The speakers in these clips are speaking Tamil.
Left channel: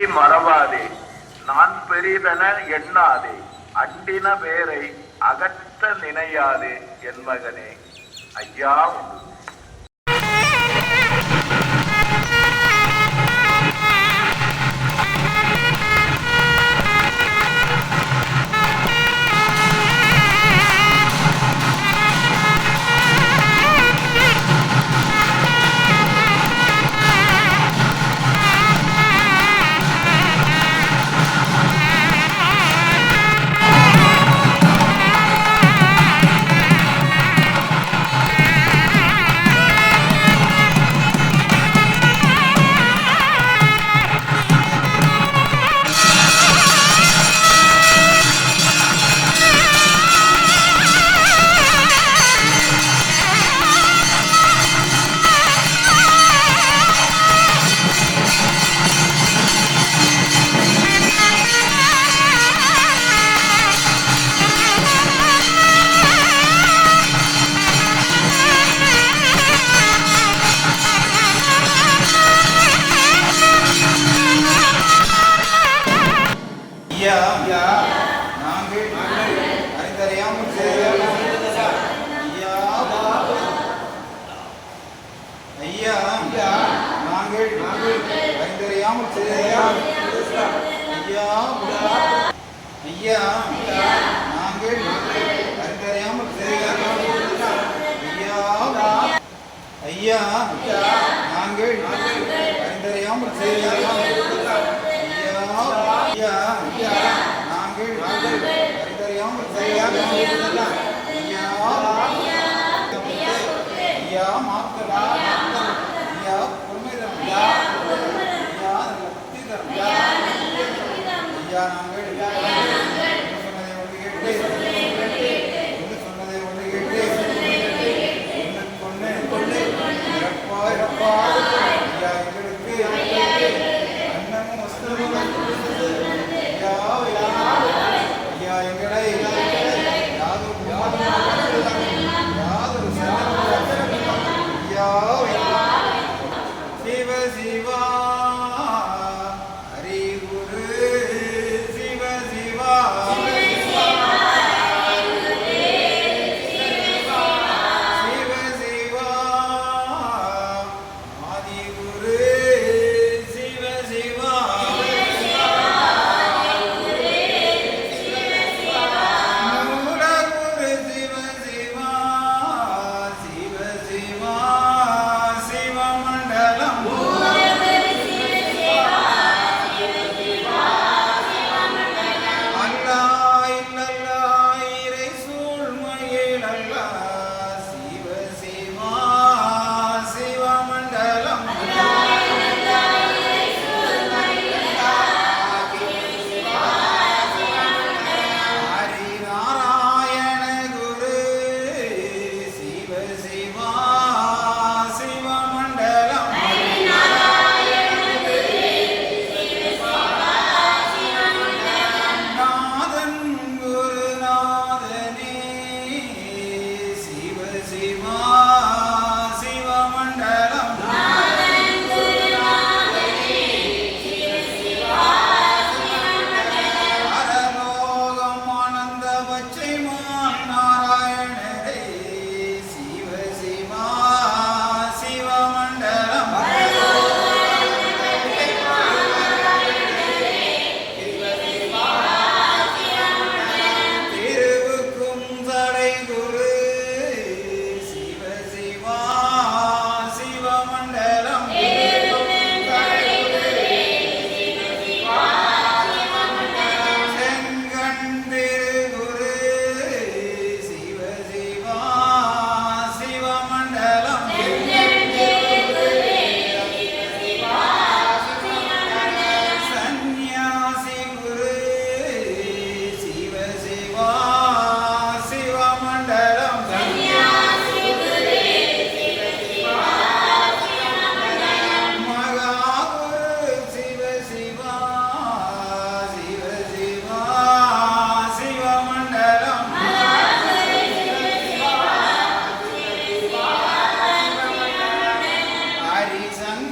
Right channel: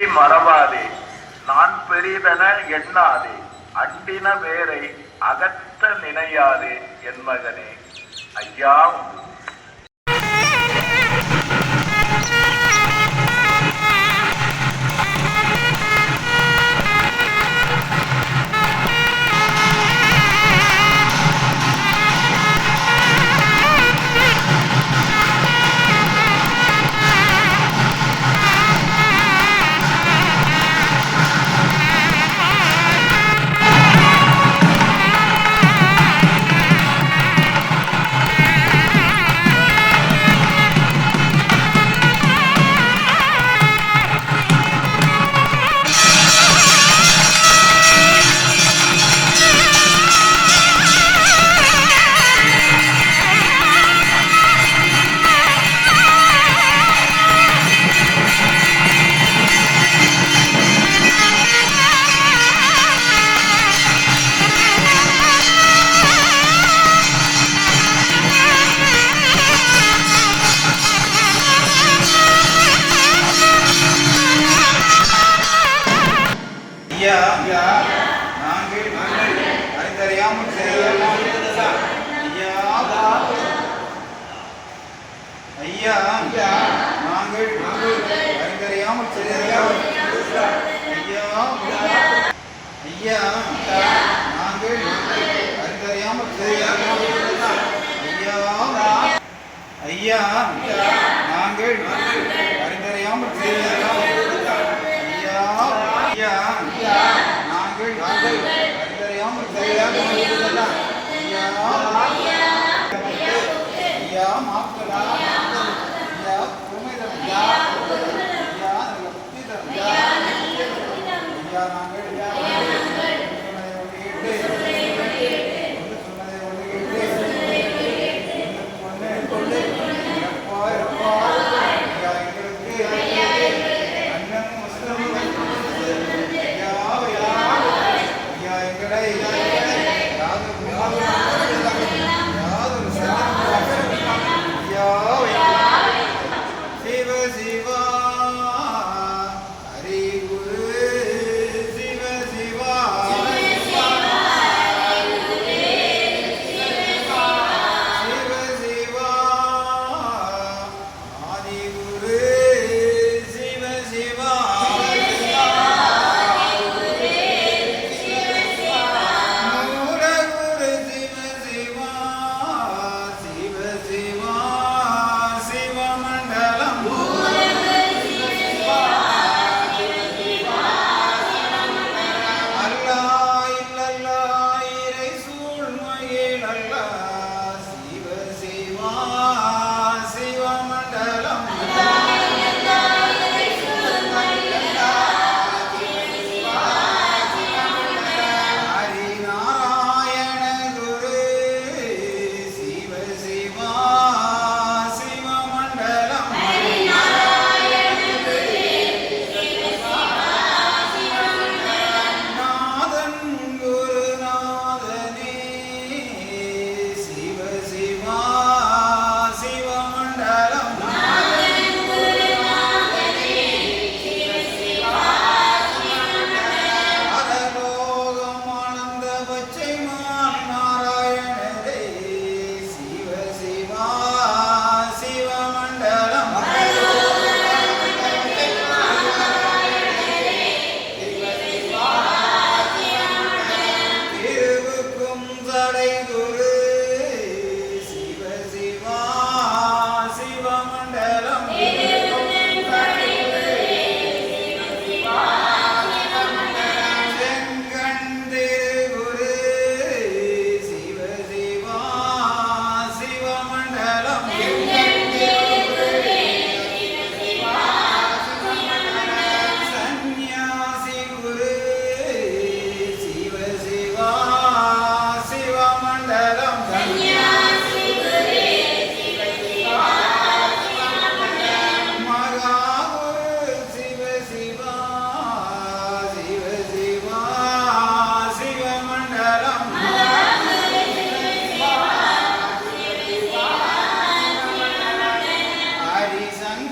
மறவாதே. நான் பெரிதென எண்ணாதே. அண்டின வேரை அகற்ற நினையாதே என் மகனே. ஐயா ஐயா ஐயா ஐயா நாங்கள் அறிந்தறியாமல் செய்த ஐயா ஐயா நாங்கள் அறிந்தறியாமல் செய்த ஐயா ஐயா நாங்கள் அறிந்தறியாமல் செய்த ஐயா ஐயா ஐயா நாங்கள் அறிந்தறியாமல் செய்த ஐயா ஐயா மாத்தலா ஐயா பொறுமைதரம் ஐயா ஐயா லக்தி தரம் ஐயா நாங்கள் சொன்னதை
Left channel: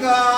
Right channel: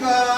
Ganga.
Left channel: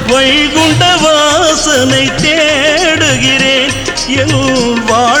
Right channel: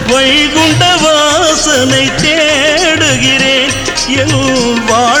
வைகுண்ட வாசனை தேடுகிறேன். என் வாழ்